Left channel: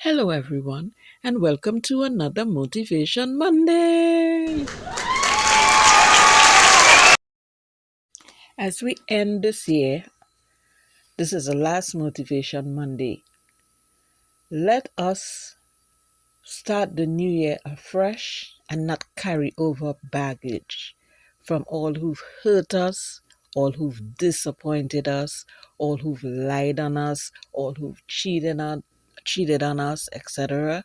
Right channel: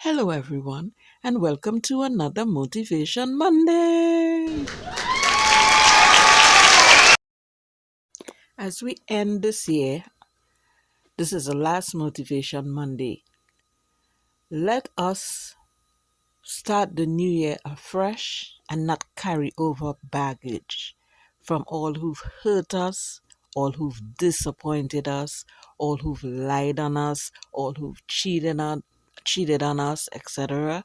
Hello, everyone, and welcome to another Motivation Monday. As we end this year, this is the last Motivation Monday. Let us start the new year afresh and not carry over baggage from all who've hurt us, all who've disappointed us, all who've lied on us, all who've cheated on us, etc.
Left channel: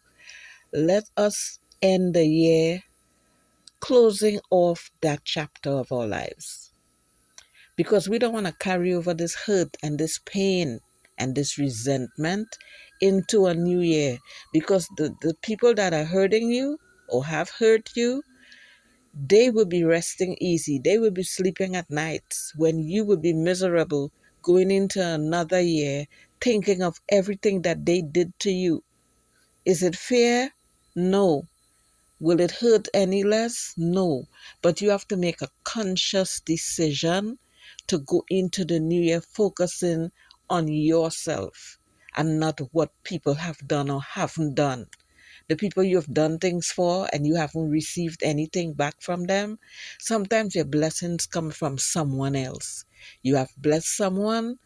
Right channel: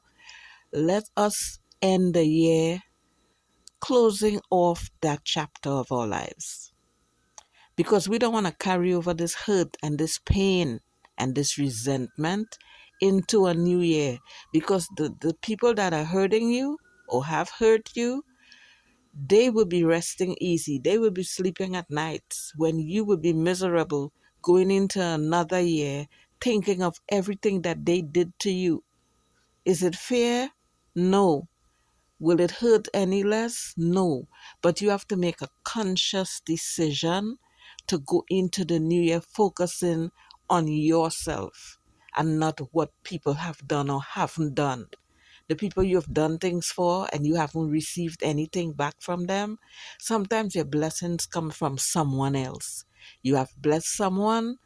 Let us end the year closing off that chapter of our lives, because we don't want to carry over this hurt and this pain and this resentment into a new year, because the people that are hurting you or have hurt you, they will be resting easy, they will be sleeping at nights when you will be miserable going into another year thinking of everything that they did to you. Is it fair? No. Will it hurt any less? No. But you have to make a conscious decision to go into the new year focusing on yourself and not what people have done or haven't done. The people you've done things for and you haven't received anything back from them, sometimes your blessings come from someone else. You have blessed someone,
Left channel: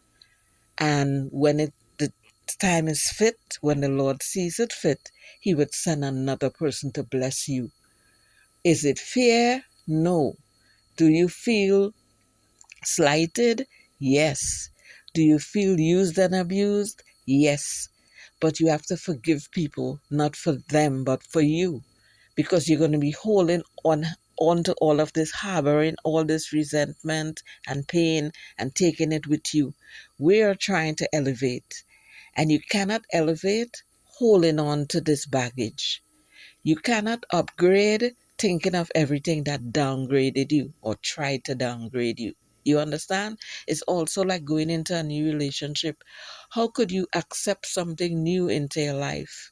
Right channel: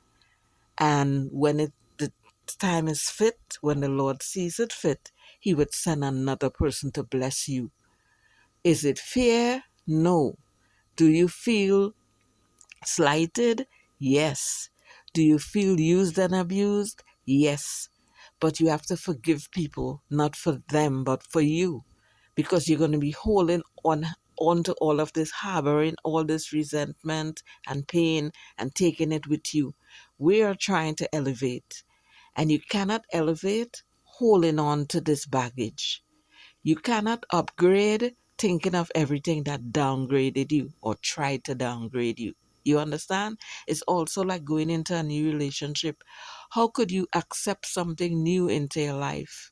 and when the time is fit, when the Lord sees it fit, He would send another person to bless you. Is it fair? No. Do you feel slighted? Yes. Do you feel used and abused? Yes. But you have to forgive people, not for them, but for you. Because you're going to be holding on to all of this, harboring all this resentment and pain and taking it with you. We are trying to elevate. And you cannot elevate holding on to this baggage. You cannot upgrade thinking of everything that downgraded you or tried to downgrade you. You understand? It's also like going into a new relationship. How could you accept something new into your life?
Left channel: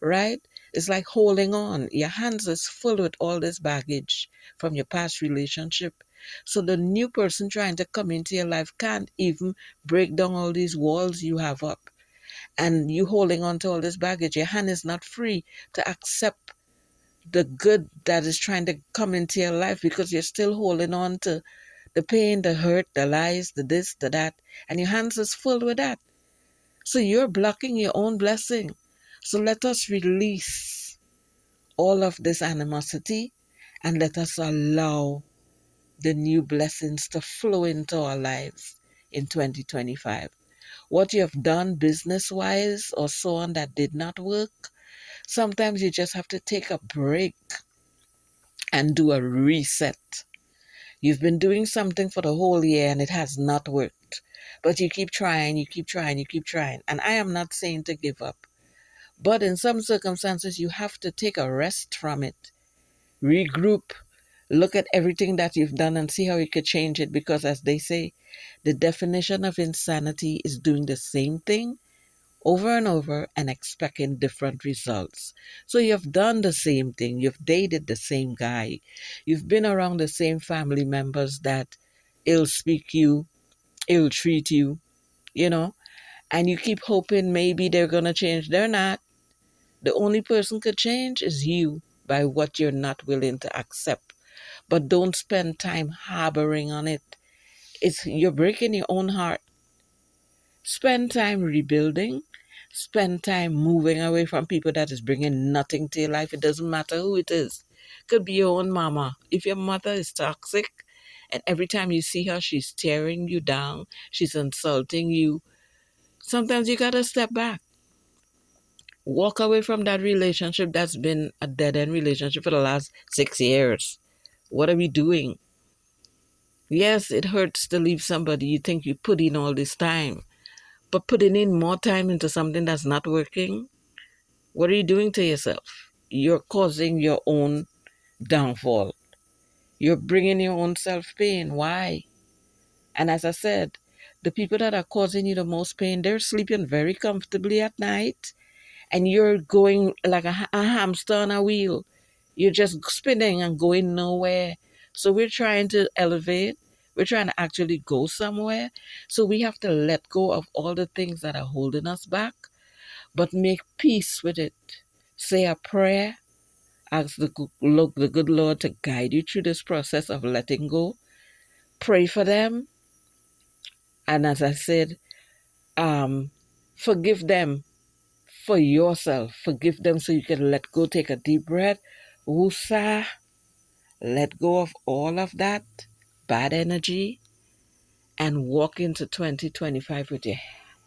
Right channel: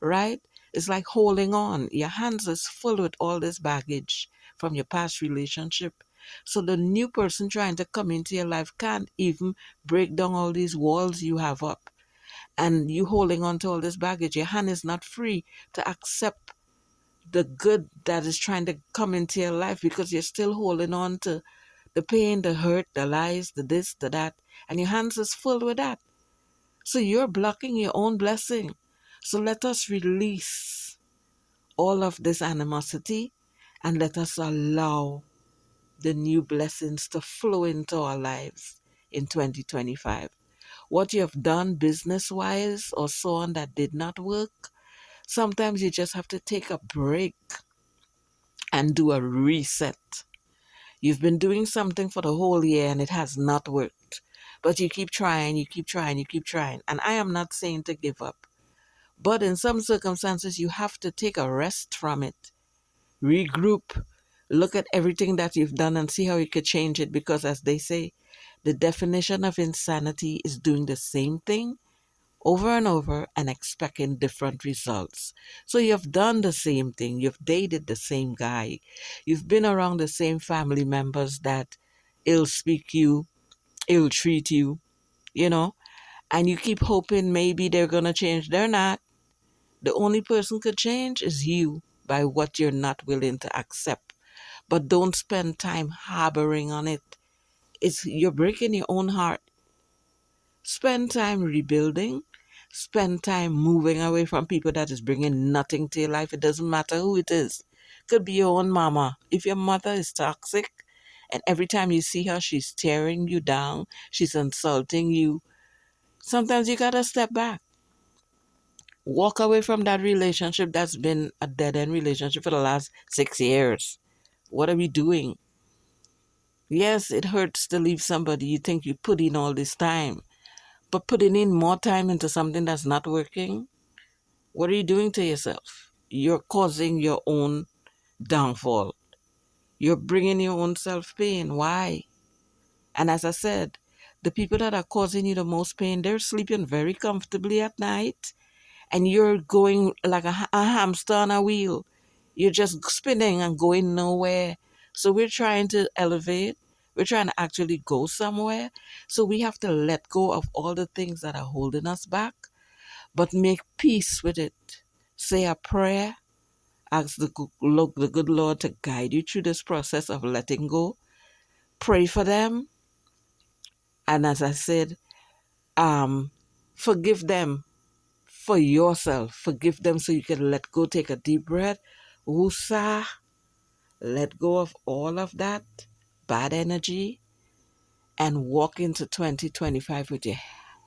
Right? It's like holding on. Your hands is full with all this baggage from your past relationship. So the new person trying to come into your life can't even break down all these walls you have up. And you holding on to all this baggage, your hand is not free to accept the good that is trying to come into your life, because you're still holding on to the pain, the hurt, the lies, the this, the that, and your hands is full with that. So you're blocking your own blessing. So let us release all of this animosity and let us allow the new blessings to flow into our lives in 2025. What you have done business-wise or so on that did not work, sometimes you just have to take a break and do a reset. You've been doing something for the whole year and it has not worked. But you keep trying, you keep trying, you keep trying. And I am not saying to give up. But in some circumstances, you have to take a rest from it, regroup, look at everything that you've done and see how you could change it. Because as they say, the definition of insanity is doing the same thing over and over and expecting different results. So you've done the same thing, you've dated the same guy, you've been around the same family members that ill speak you, ill treat you, you know, and you keep hoping maybe they're going to change. They're not. The only person could change is you, by what you're not willing to accept. But don't spend time harboring on it. You're breaking your own heart. Spend time rebuilding. Spend time moving away from people that is bringing nothing to your life. It doesn't matter who it is. Could be your own mama. If your mother is toxic and every time you see her, she's tearing you down, she's insulting you, sometimes you gotta step back. Walk away from that relationship that's been a dead-end relationship for the last 6 years. What are we doing? Yes, it hurts to leave somebody you think you put in all this time. But putting in more time into something that's not working, what are you doing to yourself? You're causing your own downfall. You're bringing your own self-pain. Why? And as I said, the people that are causing you the most pain, they're sleeping very comfortably at night, and you're going like a hamster on a wheel. You're just spinning and going nowhere. So we're trying to elevate. We're trying to actually go somewhere. So we have to let go of all the things that are holding us back. but make peace with it. Say a prayer, ask the good Lord to guide you through this process of letting go. Pray for them, and as I said, um, forgive them for yourself. Forgive them so you can let go. Take a deep breath. Woosah. Let go of all of that bad energy and walk into 2025 with your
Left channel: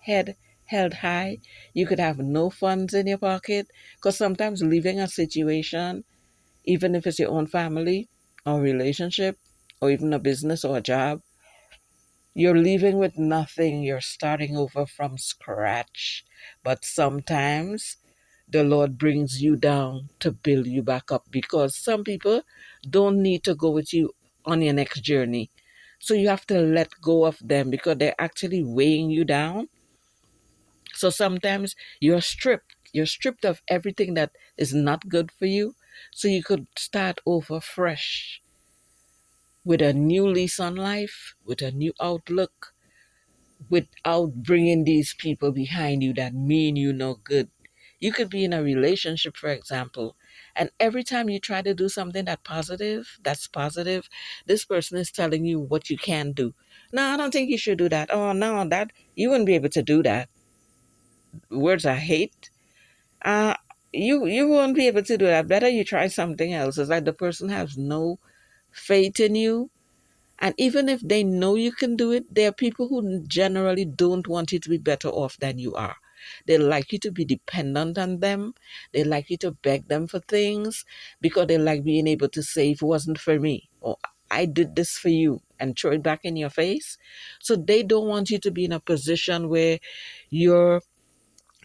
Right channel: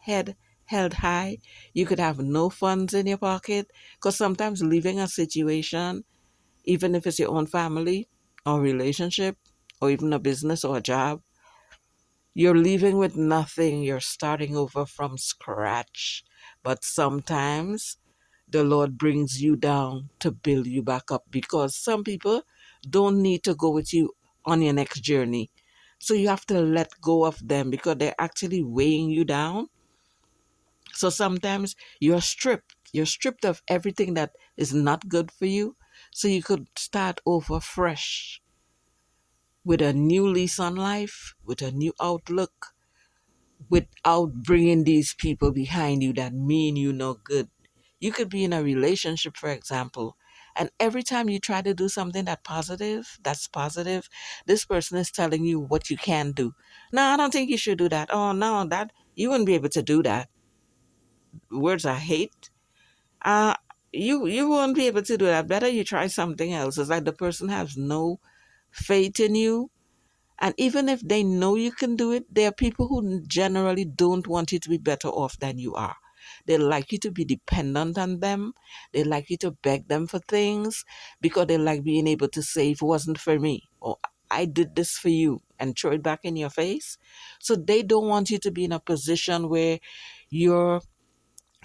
head held high. You could have no funds in your pocket because sometimes leaving a situation, even if it's your own family or relationship or even a business or a job, you're leaving with nothing. You're starting over from scratch. But sometimes the Lord brings you down to build you back up because some people don't need to go with you on your next journey. So you have to let go of them because they're actually weighing you down. So sometimes you're stripped. You're stripped of everything that is not good for you. So you could start over fresh with a new lease on life, with a new outlook, without bringing these people behind you that mean you no good. You could be in a relationship, for example, and every time you try to do something that's positive, this person is telling you what you can do. No, I don't think you should do that. Oh no, that you wouldn't be able to do that. Words I hate. Uh you won't be able to do that. Better you try something else. It's like the person has no faith in you. And even if they know you can do it, there are people who generally don't want you to be better off than you are. They like you to be dependent on them. They like you to beg them for things because they like being able to say, if it wasn't for me, or I did this for you, and throw it back in your face. So they don't want you to be in a position where you're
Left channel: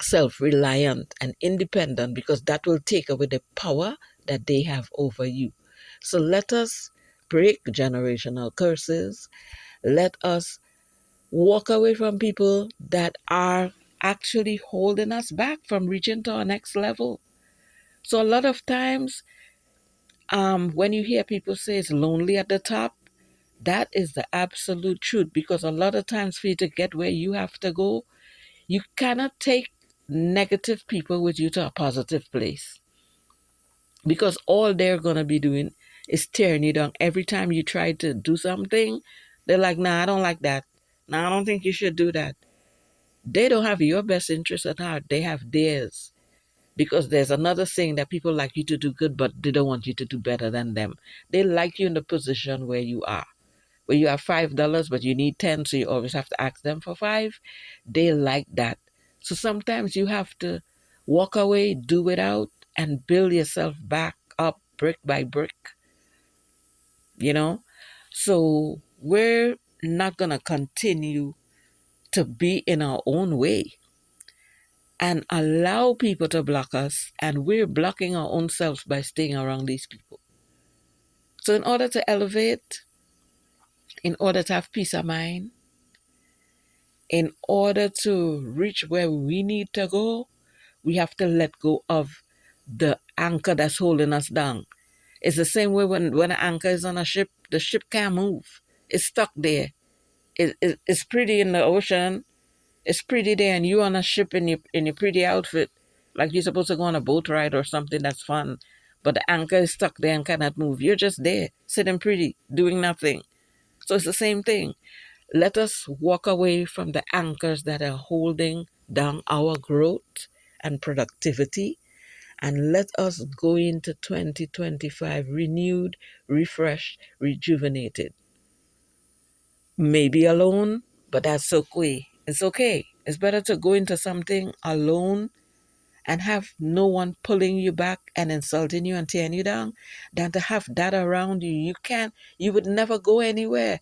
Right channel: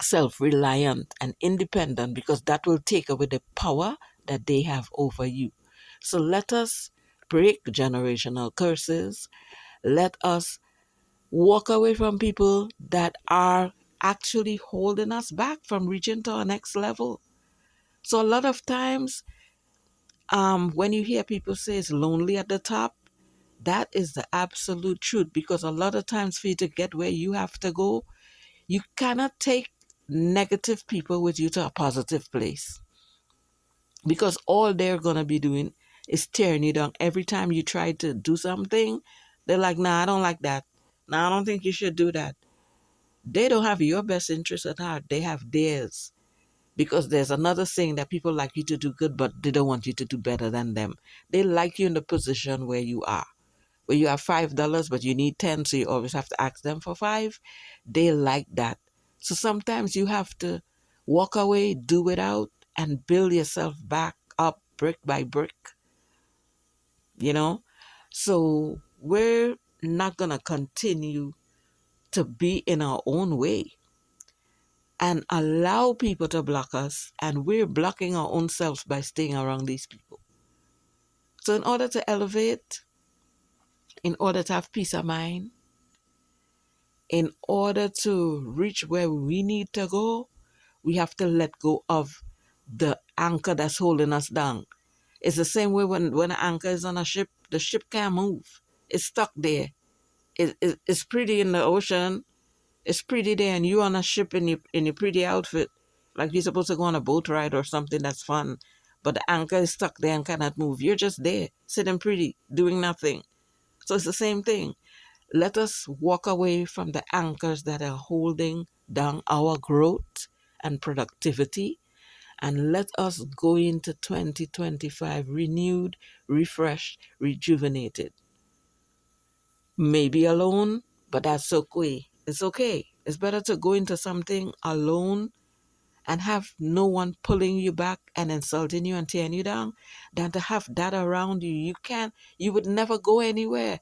self reliant and independent because that will take away the power that they have over you. So let us break generational curses. Let us walk away from people that are actually holding us back from reaching to our next level. So a lot of times, when you hear people say it's lonely at the top, that is the absolute truth because a lot of times for you to get where you have to go, you cannot take negative people with you to a positive place because all they're going to be doing is tearing you down. Every time you try to do something, they're like, nah, I don't like that. Nah, I don't think you should do that. They don't have your best interest at heart. They have theirs. Because there's another saying that people like you to do good, but they don't want you to do better than them. They like you in the position where you are. Where you have $5, but you need 10, so you always have to ask them for 5. They like that. So sometimes you have to walk away, do it out, and build yourself back up brick by brick, you know? So we're not going to continue to be in our own way and allow people to block us, and we're blocking our own selves by staying around these people. So in order to elevate, in order to have peace of mind, in order to reach where we need to go, we have to let go of the anchor that's holding us down. It's the same way when an anchor is on a ship, the ship can't move. It's stuck there. It's pretty in the ocean. It's pretty there, and you on a ship in your pretty outfit, like you're supposed to go on a boat ride or something that's fun. But the anchor is stuck there and cannot move. You're just there, sitting pretty, doing nothing. So it's the same thing. Let us walk away from the anchors that are holding down our growth and productivity, and let us go into 2025 renewed, refreshed, rejuvenated. Maybe alone, but that's okay. It's okay. It's better to go into something alone and have no one pulling you back and insulting you and tearing you down than to have that around you. You would never go anywhere,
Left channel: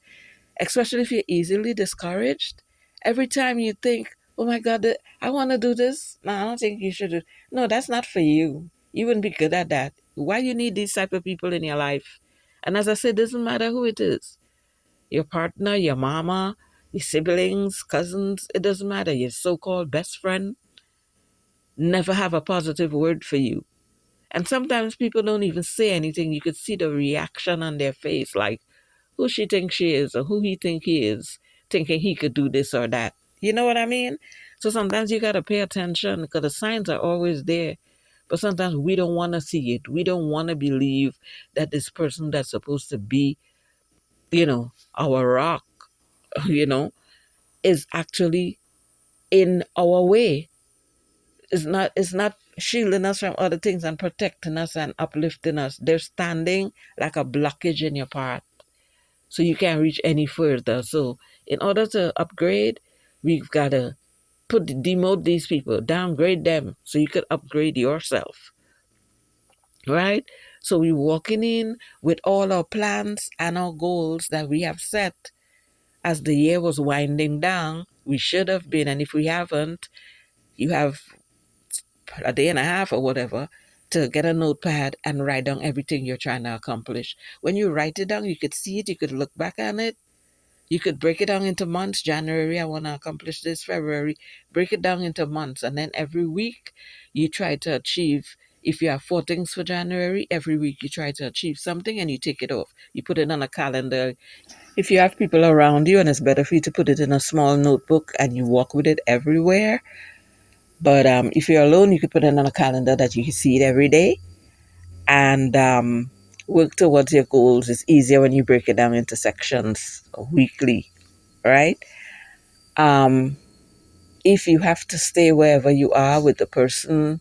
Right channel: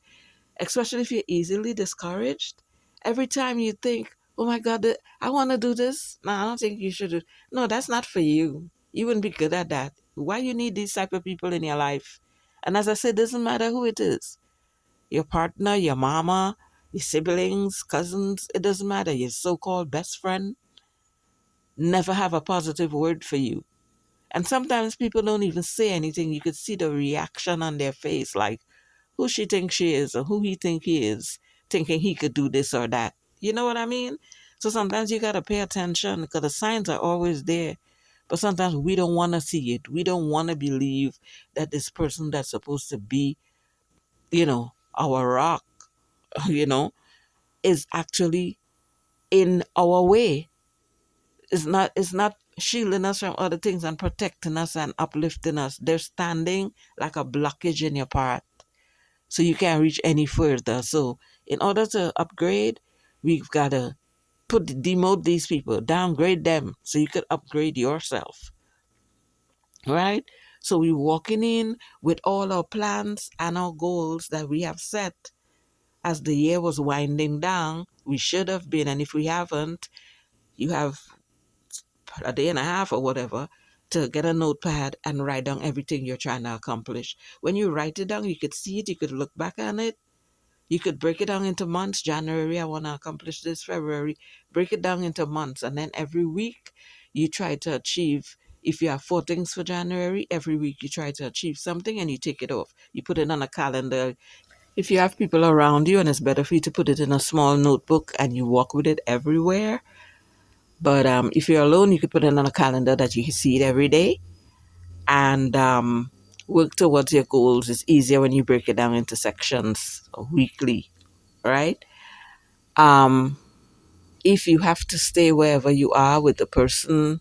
especially if you're easily discouraged. Every time you think, oh my God, I want to do this. No, I don't think you should. No, that's not for you. You wouldn't be good at that. Why you need these type of people in your life? And as I said, it doesn't matter who it is. Your partner, your mama, your siblings, cousins, it doesn't matter. Your so-called best friend never have a positive word for you. And sometimes people don't even say anything. You could see the reaction on their face, like, who she thinks she is or who he think he is, thinking he could do this or that. You know what I mean? So sometimes you got to pay attention because the signs are always there. But sometimes we don't want to see it. We don't want to believe that this person that's supposed to be, our rock, you know, is actually in our way. It's not shielding us from other things and protecting us and uplifting us. They're standing like a blockage in your path. So you can't reach any further. So in order to upgrade, we've got to demote these people, downgrade them so you could upgrade yourself. Right? So we're walking in with all our plans and our goals that we have set as the year was winding down. We should have been, and if we haven't, you have a day and a half or whatever to get a notepad and write down everything you're trying to accomplish. When you write it down, you could see it, you could look back on it, you could break it down into months. January, I want to accomplish this. February, break it down into months. And then every week, you try to achieve. If you have 4 things for January, every week you try to achieve something and you take it off. You put it on a calendar. If you have people around you, and it's better for you to put it in a small notebook and you walk with it everywhere. But if you're alone, you could put it on a calendar that you can see it every day and work towards your goals. It's easier when you break it down into sections weekly, right? Um, if you have to stay wherever you are with the person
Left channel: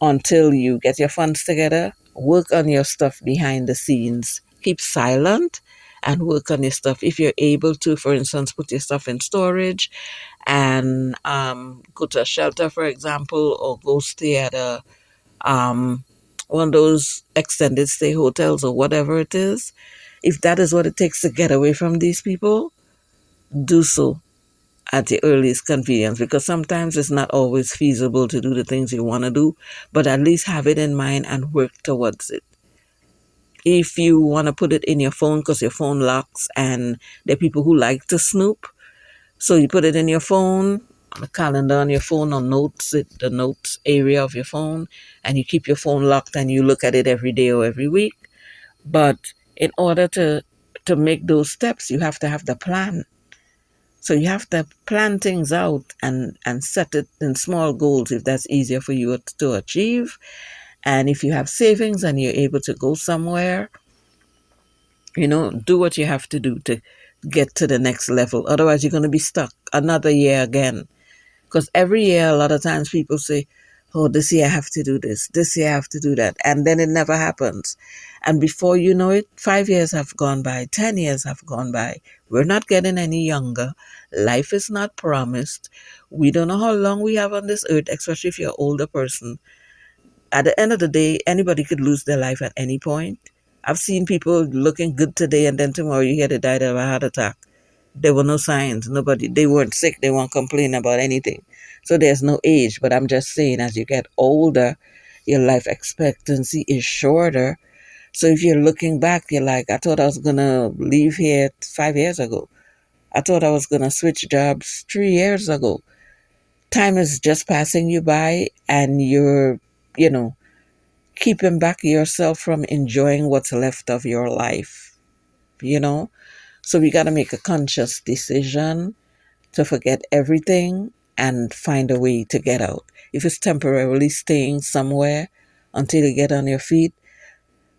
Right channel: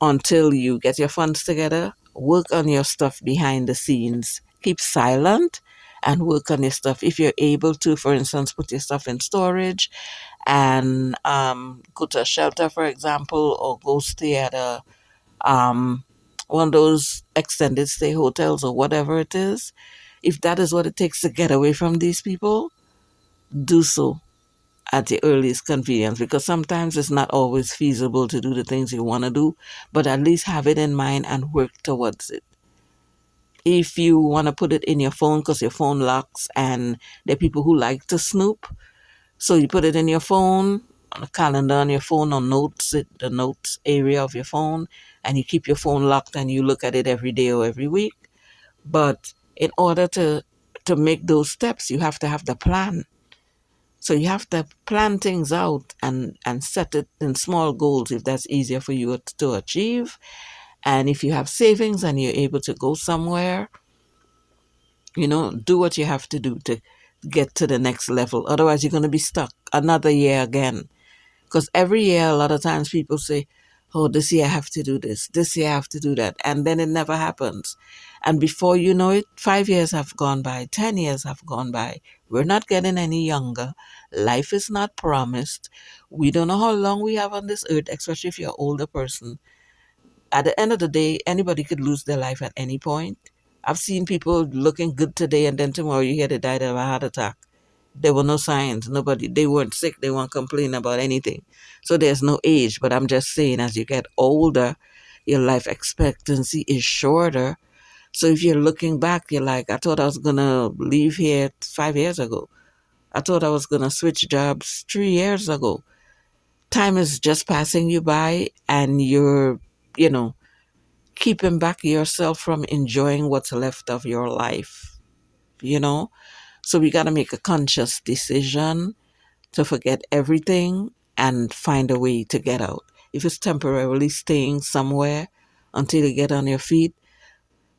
until you get your funds together, work on your stuff behind the scenes. Keep silent and work on your stuff. If you're able to, for instance, put your stuff in storage and go to a shelter, for example, or go stay at um, one of those extended stay hotels or whatever it is. If that is what it takes to get away from these people, do so at the earliest convenience, because sometimes it's not always feasible to do the things you want to do, but at least have it in mind and work towards it. If you want to put it in your phone because your phone locks and there are people who like to snoop, so you put it in your phone, on a calendar on your phone, or notes, the notes area of your phone, and you keep your phone locked and you look at it every day or every week. But in order to make those steps, you have to have the plan. So you have to plan things out and set it in small goals if that's easier for you to achieve. And if you have savings and you're able to go somewhere, do what you have to do to get to the next level. Otherwise, you're going to be stuck another year again. Because every year, a lot of times people say, oh, this year I have to do this year I have to do that. And then it never happens. And before you know it, 5 years have gone by, 10 years have gone by. We're not getting any younger. Life is not promised. We don't know how long we have on this earth, especially if you're an older person. At the end of the day, anybody could lose their life at any point. I've seen people looking good today and then tomorrow you hear they died of a heart attack. There were no signs. They weren't sick. They weren't complaining about anything. So there's no age. But I'm just saying, as you get older, your life expectancy is shorter. So if you're looking back, you're like, I thought I was going to leave here 5 years ago. I thought I was going to switch jobs 3 years ago. Time is just passing you by and you're, you know, keeping back yourself from enjoying what's left of your life, you know? So we got to make a conscious decision to forget everything and find a way to get out. If it's temporarily staying somewhere until you get on your feet,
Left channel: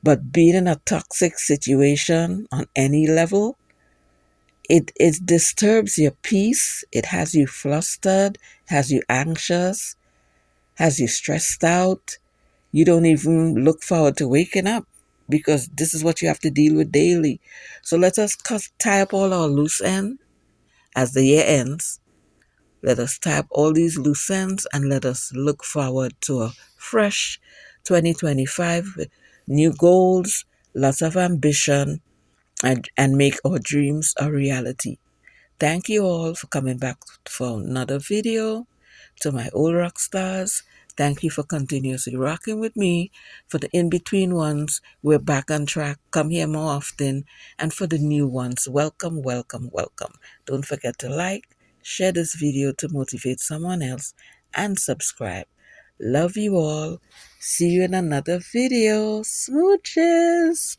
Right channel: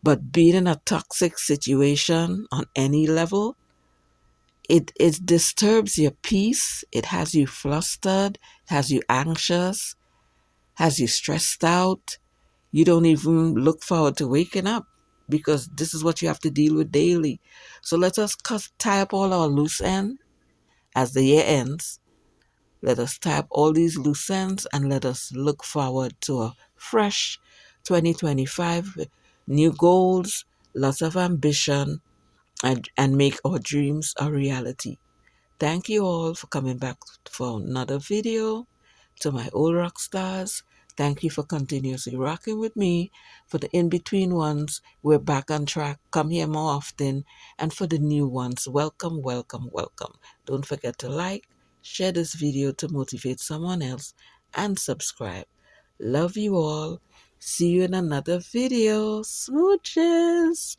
but being in a toxic situation on any level, it disturbs your peace. It has you flustered, has you anxious, has you stressed out. You don't even look forward to waking up because this is what you have to deal with daily. So let us tie up all our loose ends as the year ends. Let us tie up all these loose ends and let us look forward to a fresh 2025 with new goals, lots of ambition, and make our dreams a reality. Thank you all for coming back for another video. To my old rock stars, thank you for continuously rocking with me. For the in-between ones, we're back on track. Come here more often. And for the new ones, welcome, welcome, welcome. Don't forget to like, share this video to motivate someone else, and subscribe. Love you all. See you in another video. Smooches.